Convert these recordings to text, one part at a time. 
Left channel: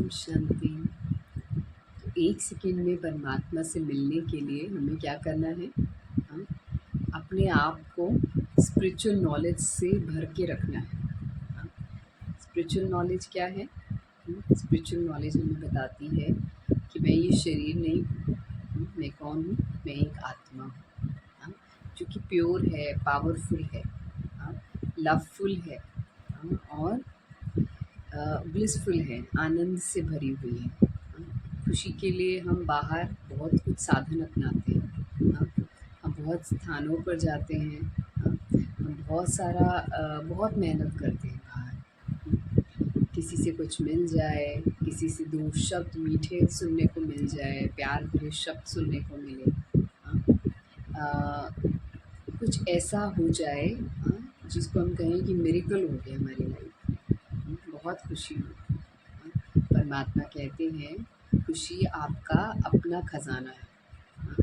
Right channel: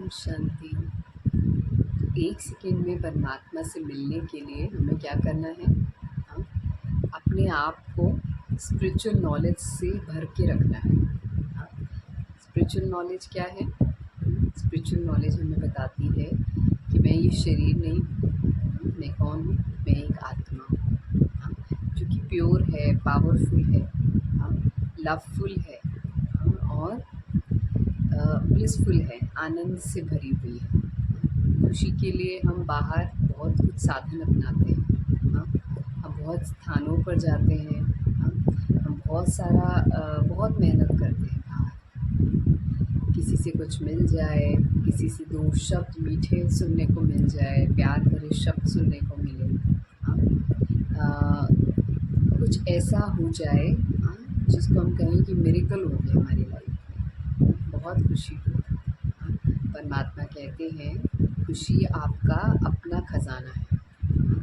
ओम शांति। एक सेकंड में परमात्मा से मिलने के लिए हमें क्या करना है? हाँ, अपने आप को स्पिरिचुअल नॉलेज से भर के रखना है। हाँ, स्पिरिचुअल नॉलेज क्या है? स्पिरिचुअल नॉलेज हमें बताती है कि मैं ये शरीर नहीं हूँ। मैं कौन हूँ? मैं एक आत्मा हूँ। हाँ, जो कि प्योर है, पावरफुल है, हाँ, लवफुल है, हाँ, और ब्लिसफुल है, आनंद से भरी हुई है। खुशी के लिए हम बाहर बहुत कुछ साधन अपनाते हैं। हाँ, हम बहुत स्थानों पर जाते हैं। हाँ, हम बहुत मेहनत करते हैं बाहर। किसी से कुछ मिल जाए, किसी से दो शब्द मीठे सुनने को मिल जाए, प्यार भरे शब्द सुनने को मिले। हाँ, कुछ ऐसा हो जाए, हाँ, जिसको हम कहें कि मिरेकल हो गया हमारी लाइफ में, बहुत खुशी हो। हाँ, परमात्मा कहते हैं खुशी आपका अपना खजाना है। हाँ,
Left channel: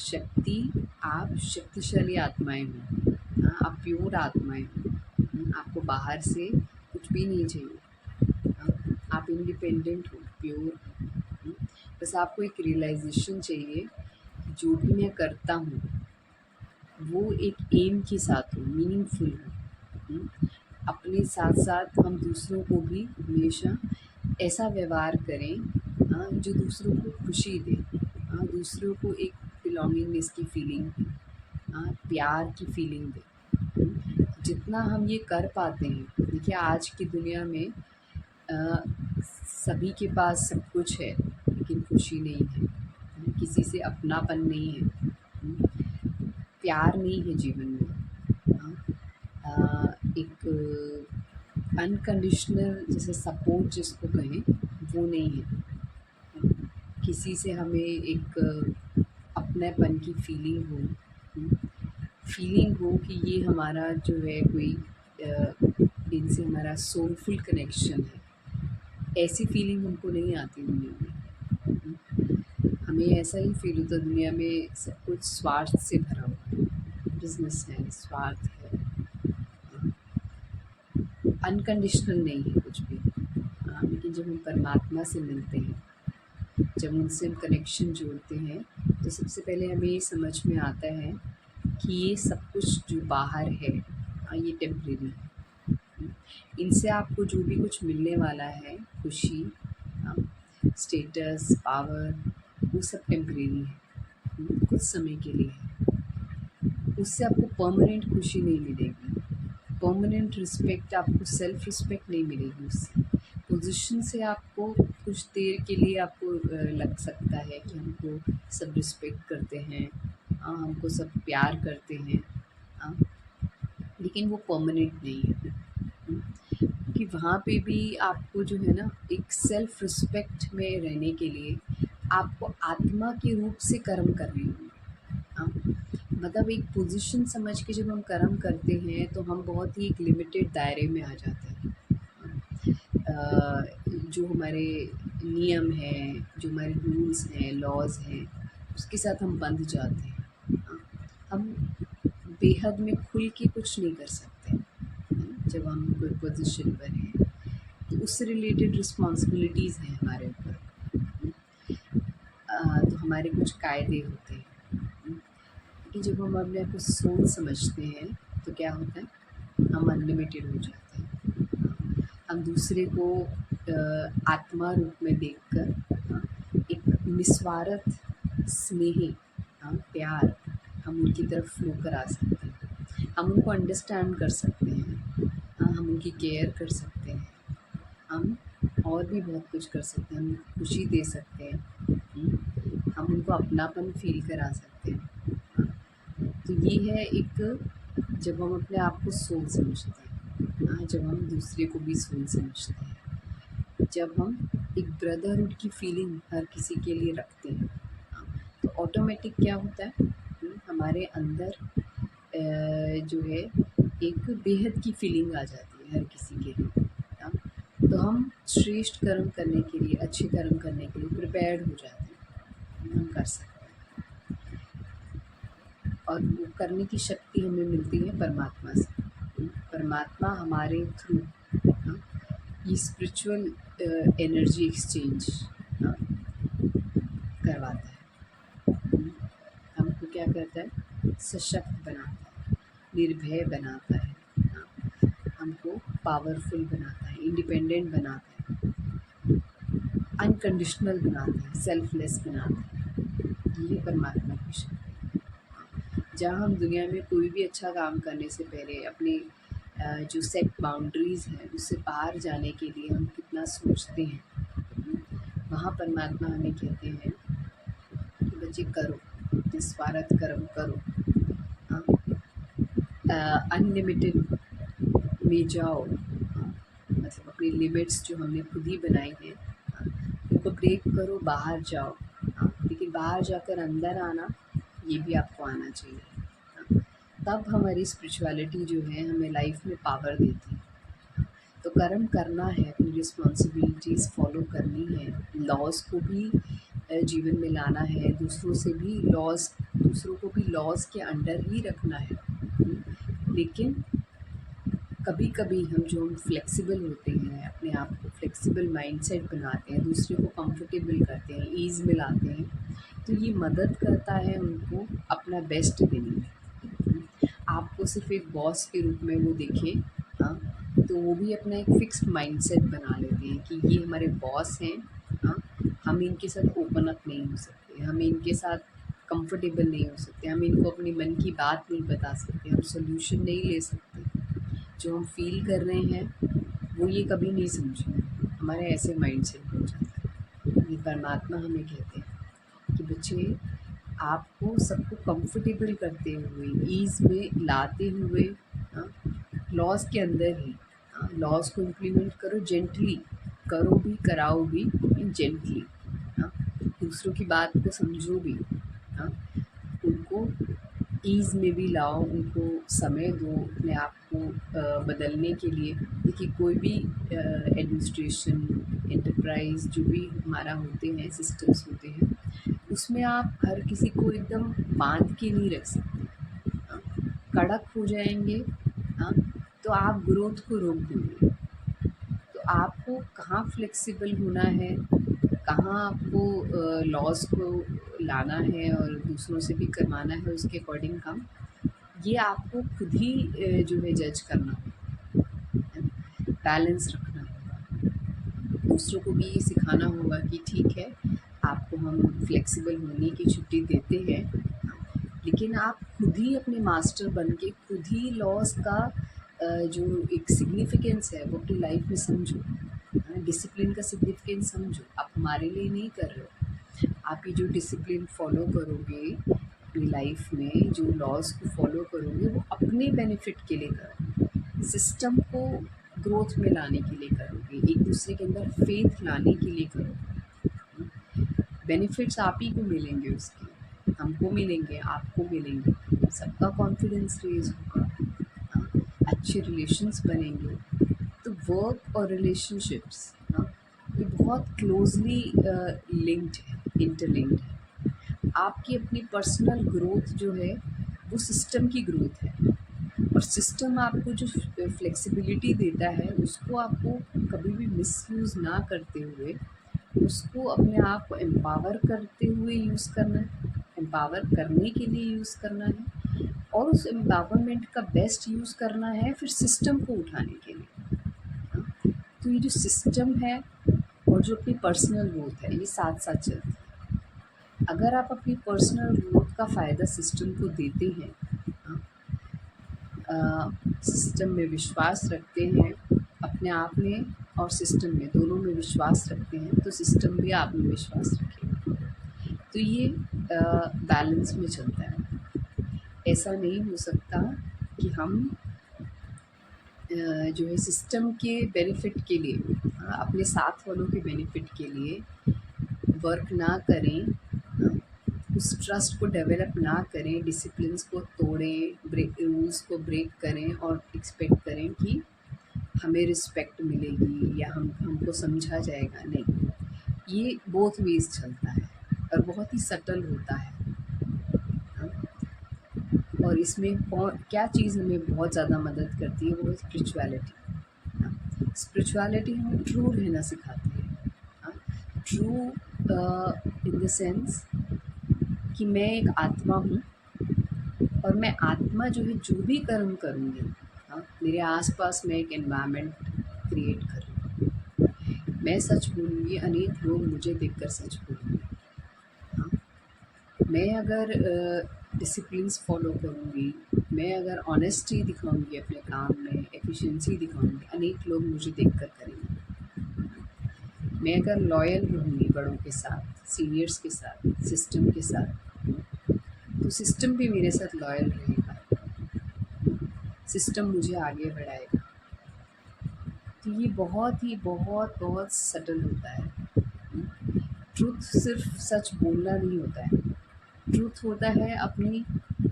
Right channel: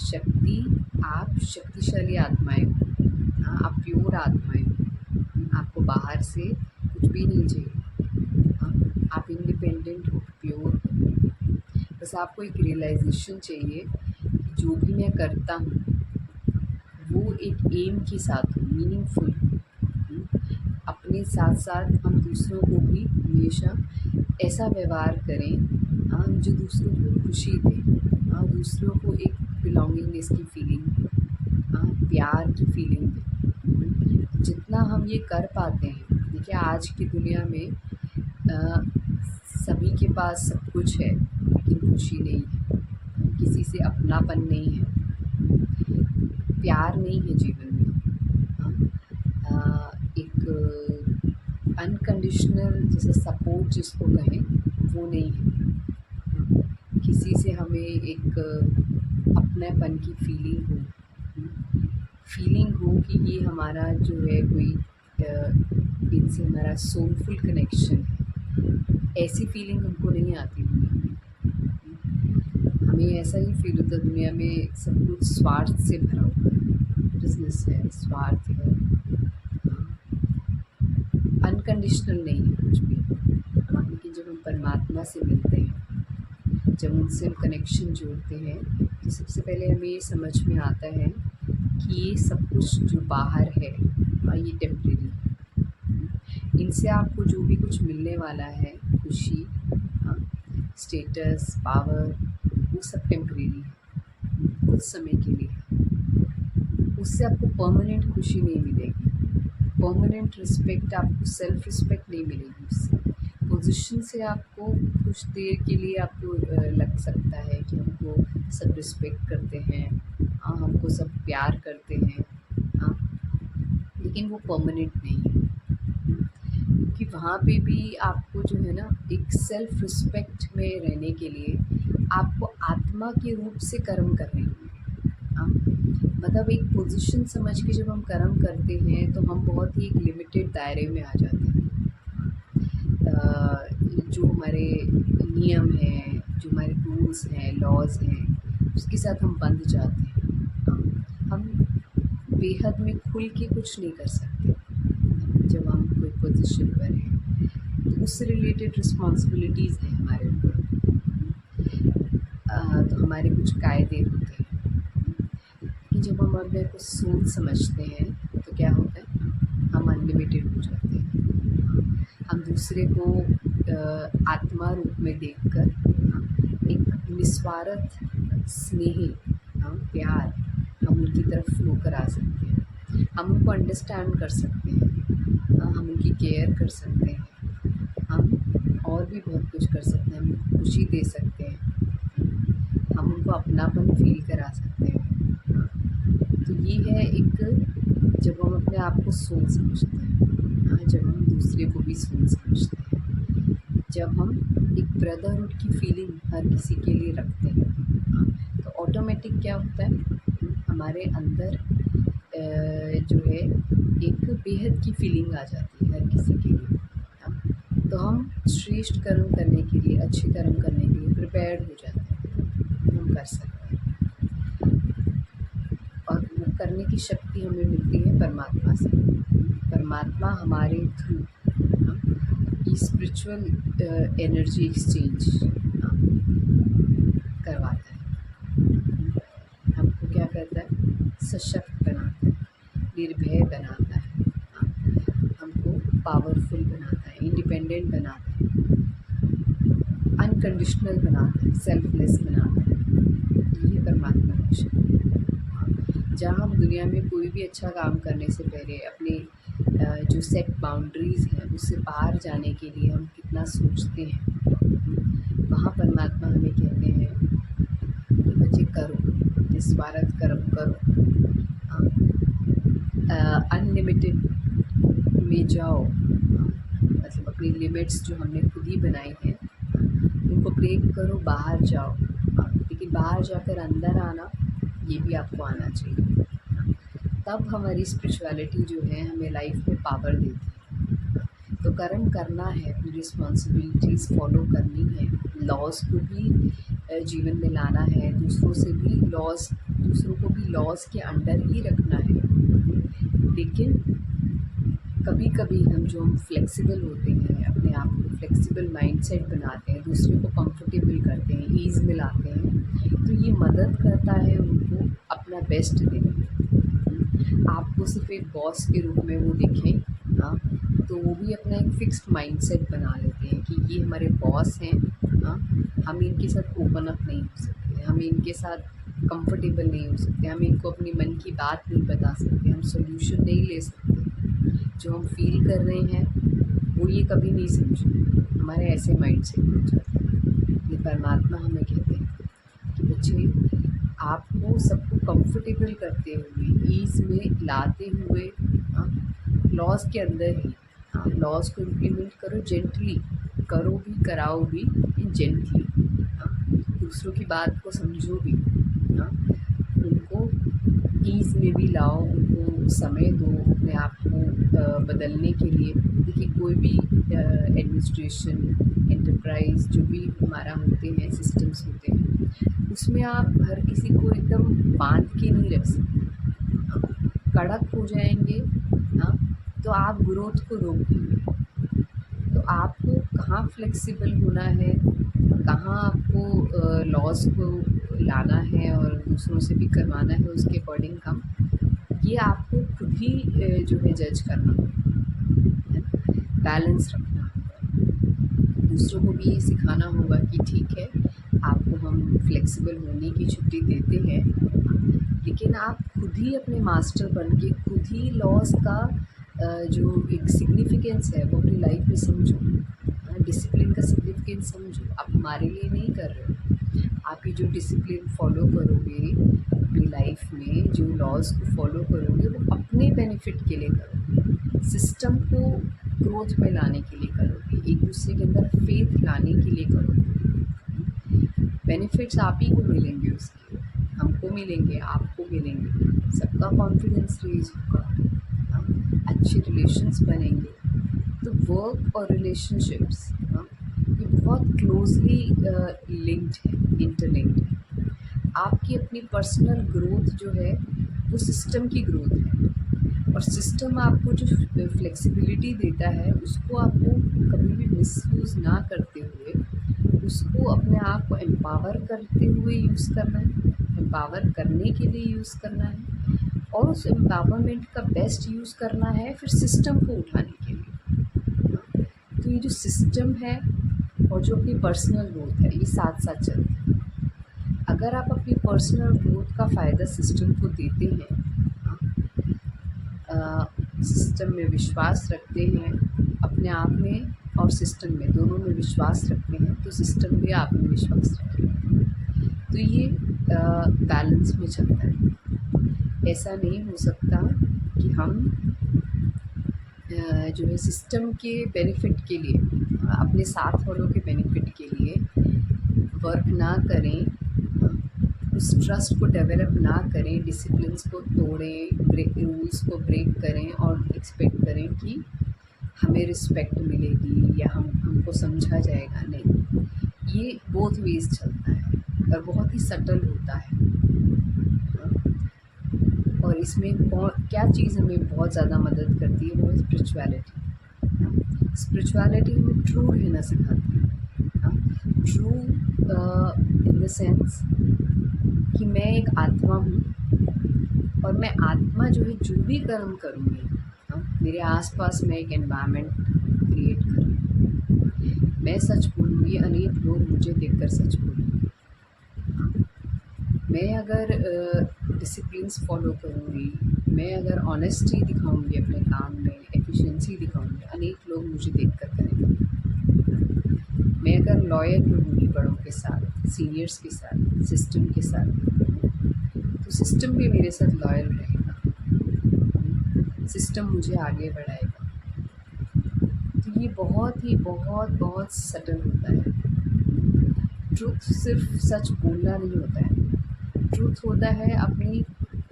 शक्ति, आप शक्तिशाली आत्माएं हो। हाँ, आप प्योर आत्माएं हो। आपको बाहर से कुछ भी नहीं चाहिए। हाँ, आप इंडिपेंडेंट हो, प्योर हो। बस आपको एक रियलाइजेशन चाहिए कि जो भी मैं करता हूँ वो एक एम के साथ हो, मीनिंगफुल हो। अपने साथ साथ हम दूसरों को भी हमेशा ऐसा व्यवहार करें, हाँ, जो दूसरों को खुशी दे, हाँ, दूसरों को एक बिलोंगिंगनेस की फीलिंग दे, हाँ, प्यार की फीलिंग दे। जितना हम ये कर पाते हैं, देखिए आज की दुनिया में सभी के पास सब कुछ है लेकिन खुशी नहीं है, किसी से अपनापन नहीं है, प्यार नहीं है जीवन में। एक अनकंडीशनल जैसे सपोर्ट जिसको कहें वो नहीं है। किसी से हमें एक अपनेपन की फीलिंग हो कि ये हमारा जो है कोई इनसे हमारा सोलफुल कनेक्शन है, ऐसी फीलिंग हमको नहीं आती दुनिया में। हमें ऐसा ही फील होता है दुनिया में सब कुछ स्वार्थ से भरा हुआ है, बिजनेस है, स्वार्थ है, अनकंडीशनल नहीं है कुछ भी। हाँ, लेकिन जब हम परमात्मा से मिलते हैं, जब उनसे हम कनेक्शन जोड़ते हैं, तो सबसे पहले हमें ये समझ में आता है कि ये सब कुछ जो बाहर है, हाँ, ये टेम्परेरी है। इनसे आपको जो भी कुछ मिलने वाला है, खुशी, हाँ, स्टेटस, पावर, वो सब टेम्परेरी है, कुछ समय के लिए है। उससे आपको परमानेंट खुशी नहीं मिलेगी, परमानेंट रिस्पेक्ट, आपको सेल्फ रिस्पेक्ट नहीं मिलेगी उससे। पोजीशन से आपको कुछ देर के लिए आपको लग सकता है कि हमको सब रिस्पेक्ट करते हैं, हाँ, हमको सब प्यार करते हैं, हाँ, लेकिन वो परमानेंट नहीं है। कि वहाँ पे भी आपको जो है ना एक सेल्फ रिस्पेक्ट में रहने के लिए आपको आत्मा के रूप से कर्म करने होंगे। हाँ, मतलब एक पोजीशन समझ के जब हम कर्म करते हैं तो हम बहुत ही एक लिमिटेड दायरे में आ जाते हैं। जो हमारे नियम हैं, जो हमारे रूल्स हैं, लॉज हैं, उसके साथ हम बंध जाते हैं। हाँ, हम बेहद में खुल के कुछ नहीं कर सकते। जब हम कोई पोजीशन पर हैं तो उससे रिलेटेड रिस्पॉन्सिबिलिटीज़ हैं हमारे ऊपर। तो हमारे कुछ कायदे होते हैं कि जब हम अपने आप को सोल समझते हैं तो क्या होता है, हम अनलिमिटेड हो जाते हैं। हाँ, हम दूसरे को आत्मा रूप में देखकर, हाँ, एक निस्वार्थ स्नेह, हाँ, प्यार, हम उनकी तरफ फ्लो करा सकते हैं। हम उनको अंडरस्टैंड कर सकते हैं, हाँ, हम उनकी केयर कर सकते हैं, हम और भी बहुत कुछ कर सकते हैं, हम उनको खुशी दे सकते हैं, हम उनको अपनापन फील करा सकते हैं। हाँ, तो ये है एक, जब हम अपने आप को सोल समझते हैं, हाँ, जब हम दूसरे को भी सोल समझते हैं, जब हम एक ब्रदरहुड की फीलिंग हर किसी के लिए रखते हैं, हाँ, तो ऑटोमेटिक क्या होता है, हमारे अंदर जो है एक बेहद की फीलिंग आ जाती है हर किसी के लिए। हाँ, तो हम श्रेष्ठ कर्म करने के लिए, अच्छे कर्म करने के लिए प्रिपेयर्ड हो जाते हैं, हम कर सकते हैं। और वो करने की शक्ति हमें मिलती है परमात्मा से। परमात्मा हमारे थ्रू, हाँ, ये स्पिरिचुअल एनर्जी एक्सचेंज करवाता है। हमको क्या करता है, सशक्त बनाता है, निर्भय बनाता है, हमको पावरफुल बनाता है, इंडिपेंडेंट बनाता है, अनकंडीशनल बनाता है, सेल्फलेस बनाता है। ये परमात्मा की शक्ति है। जहाँ हम दुनिया में कोई भी अच्छा काम करने से पहले अपने जो सेट बाउंड्रीज़ हैं उससे बाहर जाने के लिए हम कितना सोचते हैं, वहाँ परमात्मा हमें कहते हैं कि बच्चे करो, निस्वार्थ कर्म करो, अनलिमिटेड में जाओ, मतलब अपनी लिमिट्स जो हमने खुद ही बनाई हैं उनको ब्रेक करो, बाहर जाओ, लेकिन बाहर जाकर अंदर आना ये भी आपको आना चाहिए। तब हमारी स्पिरिचुअलिटी जो है हमें लाइफ में पावर देती है। तो कर्म करना है, अपनी रिस्पॉन्सिबिलिटीज़ फॉलो करनी है, लॉज़ को भी जीवन में लाना है, दूसरों को भी लॉज़ के अंडर ही रखना है। लेकिन कभी कभी हम फ्लेक्सिबल होते हैं, अपने आप को फ्लेक्सिबल माइंडसेट बनाते हैं, दूसरे को कंफर्टेबल करते हैं, ईज़ में लाते हैं, तो ये मदद करता है उनको अपना बेस्ट देने में। आपको सिर्फ एक बॉस के रूप में वो देखें, हाँ, तो वो भी अपना एक फिक्स्ड माइंडसेट बना लेते हैं कि ये हमारे बॉस हैं, हाँ, हम इनके साथ ओपन अप नहीं हो सकते, हम इनके साथ कंफर्टेबल नहीं हो सकते, हम इनको अपनी मन की बात नहीं बता सकते, हम सॉल्यूशन नहीं ले सकते, जो हम फील कर रहे हैं वो ये कभी नहीं समझेंगे, हमारे ऐसे माइंड सेट हो जाता है। ये परमात्मा हमें कहते हैं कि बच्चे, आपको सबको कंफर्टेबल करते हुए, ईज़ में लाते हुए, लॉज के अंदर ही, लॉज को इम्प्लीमेंट करो, जेंटली करो भी, कराओ भी, इन जेंटली, दूसरों की बात को समझो भी, हाँ, उनको ईज़ में भी लाओ, उनको समय दो अपने आप को बदलने के लिए। देखिए, कोई भी एडमिनिस्ट्रेशन, एंटरप्राइज़ जो भी हमारा होते हैं, सिस्टम्स होते हैं, उसमें आप हर किसी को एकदम बांध के नहीं रख सकते, हाँ, कड़क हो जाएंगे, हाँ, तो आप ग्रोथ को रोक देंगे। तो आपको कहाँ फ्लेक्सिबल होना है, कहाँ आपको लॉज़ को लाना है और दूसरों से भी करवाना है उसके अकॉर्डिंग काम, ये आपको खुद ही जो है जज करना होगा, बैलेंस रखना होगा, दूसरों को भी ये सिखाना होगा कि ठीक है, आपको हम फ्लेक्सिबल होने की छुट्टी देते हैं, लेकिन आप खुद ही अपने मास्टर बन के खुद ही लॉज़ का जो एक सिग्निफिकेंस है वो अपनी लाइफ में समझो, डिसिप्लिन का सिग्निफिकेंस समझो। आप हमारे लिए नहीं कर रहे हो, आप ये जो डिसिप्लिन फॉलो करोगे अपनी लाइफ में, जो लॉज़ को फॉलो करोगे, वो अपने बेनिफिट के लिए करोगे, सिस्टम को ग्रोथ में लाने के लिए करोगे, एक दूसरे के अंदर फेथ लाने के लिए करोगे। बेनिफिट्स आप ही को मिलेंगे, उसके हमको मिलेंगे, आपको मिलेंगे, सबका कॉन्फिडेंस रेज होगा, अच्छे रिलेशंस बनेंगे। तो वर्क और रिलेशनशिप्स, ये बहुत क्लोजली लिंक्ड है, इंटरलिंक्ड है। आपकी अपनी पर्सनल ग्रोथ जो है वो सिस्टम की ग्रोथ है, और सिस्टम आपको जो फ्लेक्सिबिलिटी देता है उसको आपको कभी भी मिसयूज़ ना करते हुए, उसको अपने आप को एम्पावर करते हुए यूज़ करना है, एम्पावर करने के लिए यूज़ करना है, और उस एम्पावरमेंट का बेस्ट यूज़ करना है फिर सिस्टम को उठाने के लिए। तो ये जो सिस्टम है और जो अपनी पर्सनल ग्रोथ है, ये साथ साथ चलते हैं। अगर आप अपनी पर्सनल ग्रोथ का फ़ायदा सिस्टम को देते हैं, सिस्टम में विश्वास रखते हैं, अपने आप में और सिस्टम में, दोनों में विश्वास रखते हैं, तो सिस्टम भी आप में विश्वास रखेगा। तो ये बैलेंस में चलता है। ऐसा नहीं हो सकता कि हम जो है सिस्टम के बेनिफिट के लिए, अपने साथ वालों के बेनिफिट के लिए वर्क ना करें, उस ट्रस्ट को डेवलप ना करें, डिसिप्लिन्स को तोड़ें, रूल्स को ब्रेक करें और एक्सपेक्ट करें कि हमें रिस्पेक्ट मिलेगी या हमको समझा जाएगा। नहीं, ये बोथ वेज चलता है और बहुत ही सटल होता है। और इसमें क्या चीज़ हमें बहुत ज़्यादा मदद करती है, वो है स्पिरिचुअलिटी। स्पिरिचुअलिटी हमें ट्रू रहना सिखाती है। हाँ, ट्रू इन द सेंस कि मैं एक आत्मा हूँ और मैं आत्मा जो है जो भी कर्म करूँगी, हाँ, मेरे आसपास मैं एक एनवायरनमेंट क्रिएट कर रही हूँ। मैं सच बोलूँगी, अनेक लोग मुझे देखकर सच बोलेंगे। हाँ, मैं अगर डिसिप्लिन्स फॉलो करूँगी, मैं अगर ऑनेस्टी दिखाऊँगी अपने काम में, एफिशिएंसी दिखाऊँगी, अनेक लोग मुझे देखकर करेंगे। मैं अगर लॉयल रहूँगी बड़ों के साथ, सीनियर्स के साथ, सिस्टम के साथ, तो सिस्टम भी मेरे साथ लॉयल रहेगा। सिस्टम मुझे आगे बढ़ाएगा। तो ये बहुत सटल होता है। ट्रुथ सिर्फ सच बोलना नहीं होता है। ट्रुथ होता है अपनी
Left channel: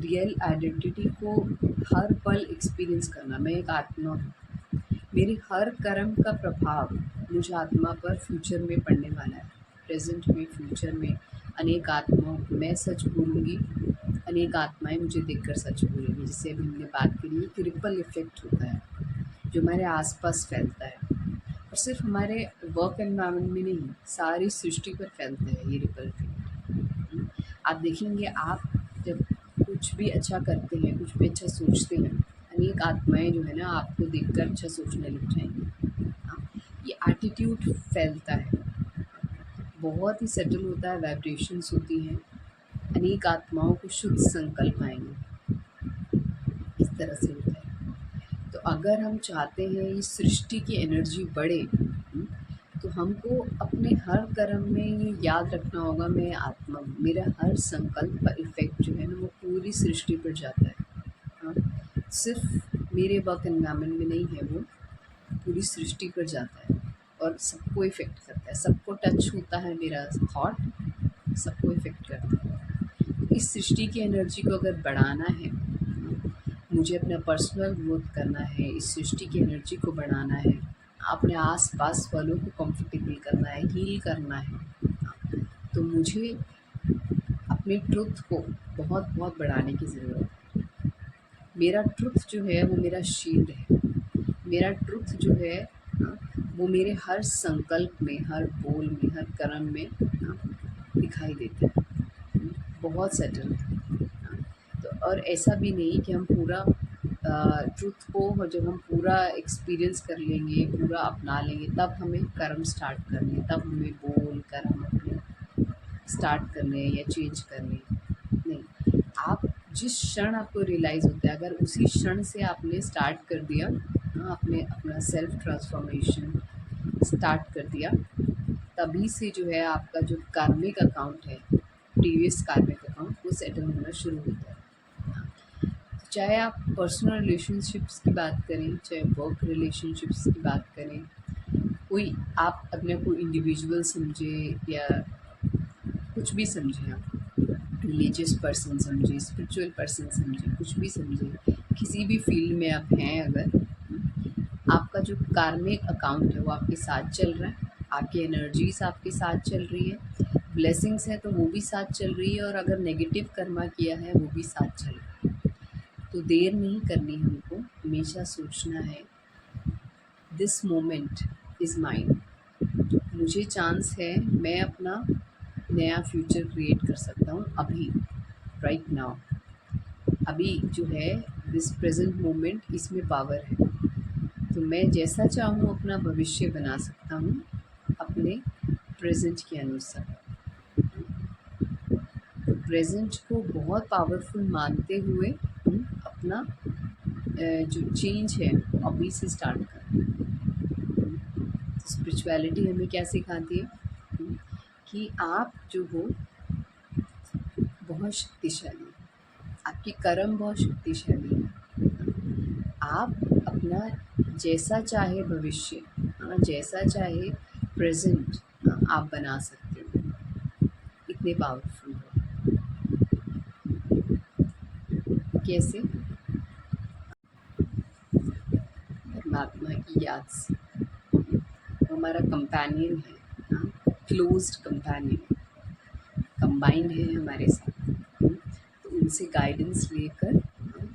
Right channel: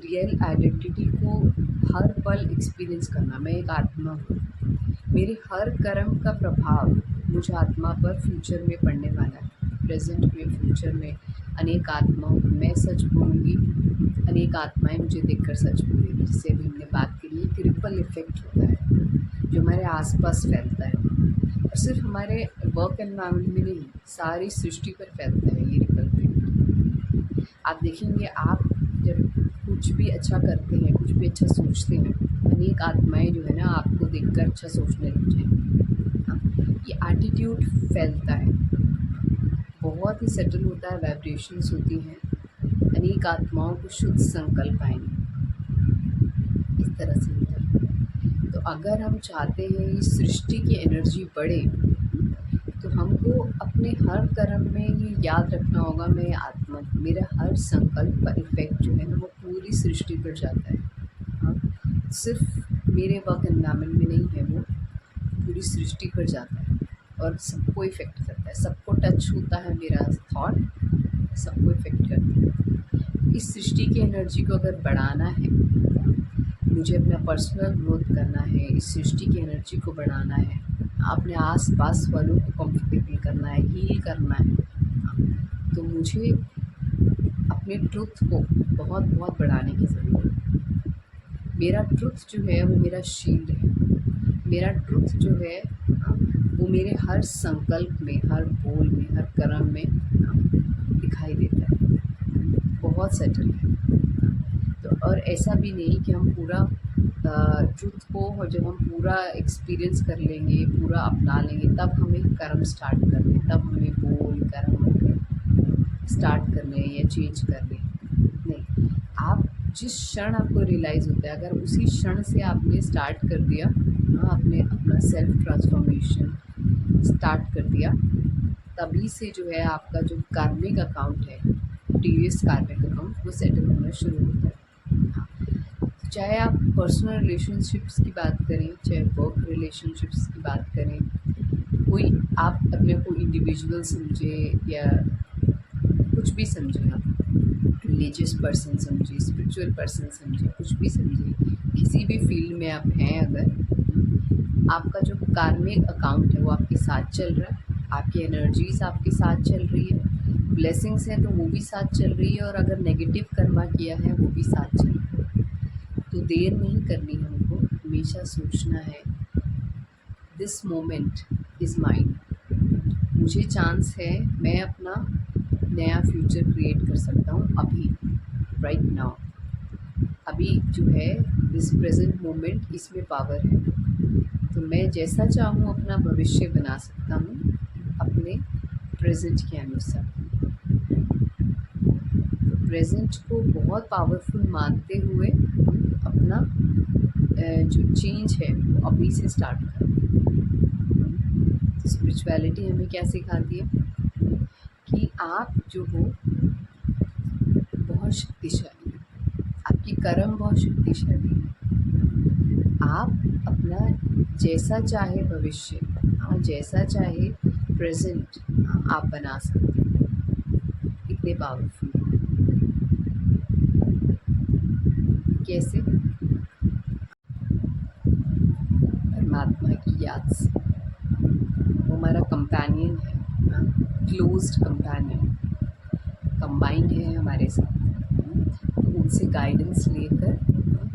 रियल आइडेंटिटी को हर पल एक्सपीरियंस करना। मैं एक आत्मा हूँ, मेरे हर कर्म का प्रभाव मुझ आत्मा पर फ्यूचर में पड़ने वाला है। प्रेजेंट में, फ्यूचर में अनेक आत्माओं को मैं सच बोलूँगी, अनेक आत्माएं मुझे देखकर सच बोलेंगी। जिससे अभी हमने बात करी कि रिपल इफ़ेक्ट होता है जो हमारे आसपास फैलता है, और सिर्फ हमारे वर्क एनवायरनमेंट में नहीं, सारी सृष्टि पर फैलता है ये रिपल इफ़ेक्ट। आप देखेंगे, आप जब कुछ भी अच्छा करते हैं, कुछ भी अच्छा सोचते हैं, अनेक आत्माएं जो है ना आपको देखकर अच्छा सोचने लग जाएंगी। हाँ, ये एटीट्यूड फैलता है, बहुत ही सटल होता है, वाइब्रेशंस होती हैं, अनेक आत्माओं को शुद्ध संकल्प आएंगे। इस तरह से होता है। तो अगर हम चाहते हैं इस सृष्टि की एनर्जी बढ़े, तो हमको अपने हर कर्म में ये याद रखना होगा, मैं आत्मा हूँ। मेरा हर संकल्प का इफ़ेक्ट जो है ना वो पूरी सृष्टि पर जाता है। हाँ, सिर्फ मेरे वर्क एनवायरनमेंट में नहीं है, वो पूरी सृष्टि पर जाता है और सबको इफ़ेक्ट करता है। सबको टच होता है मेरा थॉट, सबको इफ़ेक्ट करता है। इस सृष्टि की एनर्जी को अगर बढ़ाना है, मुझे अपना पर्सनल ग्रोथ करना है, इस सृष्टि की एनर्जी को बढ़ाना है, अपने आस-पास वालों को कंफर्टेबल करना है, हील करना है, तो मुझे अपने ट्रुथ को बहुत बढ़ाने की ज़रूरत है। मेरा ट्रुथ जो है वो मेरा शील्ड है। मेरा ट्रुथ जो है वो मेरे हर संकल्प में, हर बोल में, हर कर्म में दिखाई देता है। बहुत सेटल है। तो और ऐसा भी नहीं कि हम पूरा ट्रुथ को जब हम पूरा एक्सपीरियंस कर लेंगे, पूरा अपना लेंगे, तब हमें कर्म स्टार्ट करने, तब हमें बोल कर्म अपने स्टार्ट करने या चेंज करने। नहीं, आप जिस क्षण आपको रियलाइज़ होता है, अगर उसी क्षण से आपने स्टार्ट कर दिया, हाँ, आपने अपना सेल्फ ट्रांसफॉर्मेशन स्टार्ट कर दिया, तभी से जो है आपका जो कार्मिक अकाउंट है, प्रीवियस कार्मिक अकाउंट, वो सेटल होना शुरू होता है। हाँ, चाहे आप पर्सनल रिलेशनशिप्स की बात करें, चाहे वर्क रिलेशनशिप्स की बात करें, कोई आप अपने को इंडिविजुअल समझे या कुछ भी समझें, आप रिलीजियस पर्सन समझे, स्पिरिचुअल पर्सन समझे, कुछ भी समझे, किसी भी फील्ड में आप हैं, अगर आपका जो कार्मिक अकाउंट है वो आपके साथ चल रहा है, आपकी एनर्जीज आपके साथ चल रही है, ब्लेसिंग्स हैं तो वो भी साथ चल रही है, और अगर नेगेटिव कर्मा किया है वो भी साथ चल रहा है, तो देर नहीं करनी हमको। हमेशा सोचना है, दिस मोमेंट इज़ माइन। मुझे चांस है, मैं अपना नया फ्यूचर क्रिएट कर सकता हूँ अभी, राइट नाउ। अभी जो है दिस प्रेजेंट मोमेंट, इसमें पावर है। तो मैं जैसा चाहूँ अपना भविष्य बना सकता हूँ अपने प्रेजेंट के अनुसार। तो प्रेजेंट को बहुत पावरफुल मानते हुए अपना जो चेंज है वो अभी से स्टार्ट करें। तो स्पिरिचुअलिटी हमें क्या सिखाती है कि आप जो हो बहुत शक्तिशाली है, आपकी कर्म बहुत शक्तिशाली है। आप अपना जैसा चाहे भविष्य, जैसा चाहे प्रेजेंट, आप बना सकते हैं। इतने पावरफुल कैसे? परमात्मा की याद से। वो हमारा कंपेनियन है, क्लोज्ड कंपेनियन, कंबाइंड है हमारे साथ। तो उनसे गाइडेंस लेकर,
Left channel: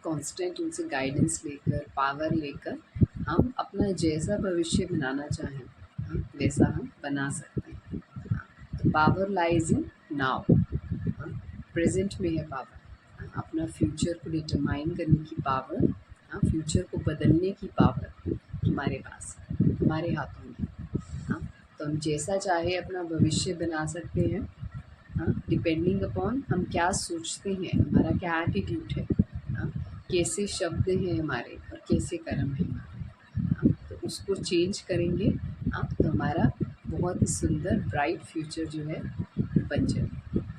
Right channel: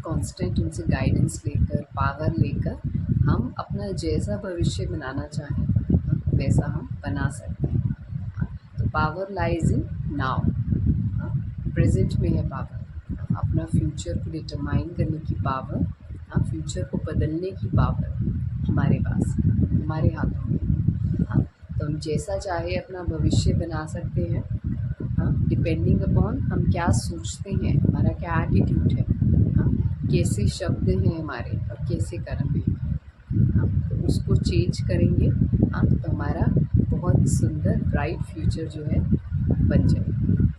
कांस्टेंट उनसे गाइडेंस लेकर, पावर लेकर हम अपना जैसा भविष्य बनाना चाहें, हाँ, वैसा हम बना सकते हैं। हाँ, तो पावर लाइज़ इन नाउ। हाँ, प्रेज़ेंट में है पावर। हाँ, अपना फ्यूचर को डिटरमाइन करने की पावर, हाँ, फ्यूचर को बदलने की पावर हमारे पास है, हमारे हाथों में। हाँ, तो हम जैसा चाहे अपना भविष्य बना सकते हैं। हाँ, डिपेंडिंग अपॉन हम क्या सोचते हैं, हमारा क्या एटीट्यूड है। हाँ, कैसे शब्द हैं हमारे और कैसे कर्म हैं हमारे। हाँ, तो उसको चेंज करेंगे। हाँ, तो हमारा बहुत ही सुंदर ब्राइट फ्यूचर जो है बन जाएगा।